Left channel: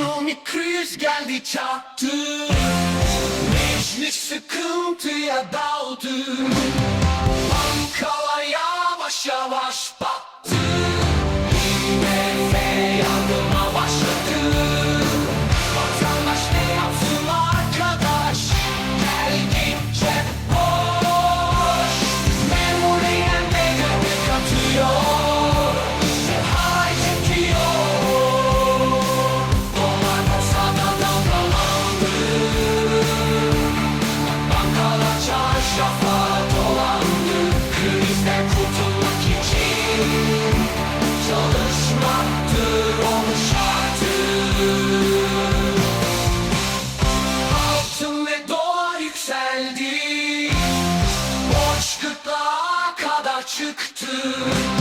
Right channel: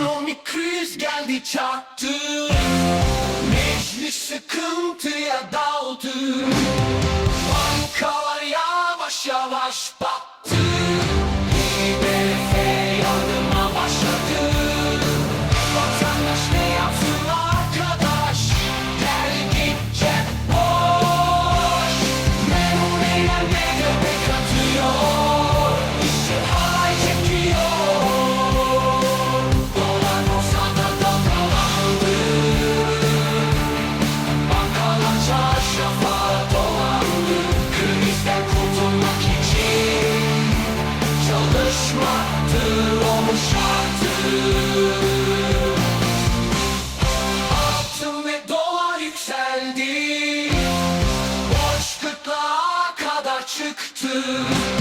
Ekonomik kriz geldi çattı Meclis sıkıntıya daldı. Bankalar yavaş yavaş battı. IMF yardım aldı çıktı.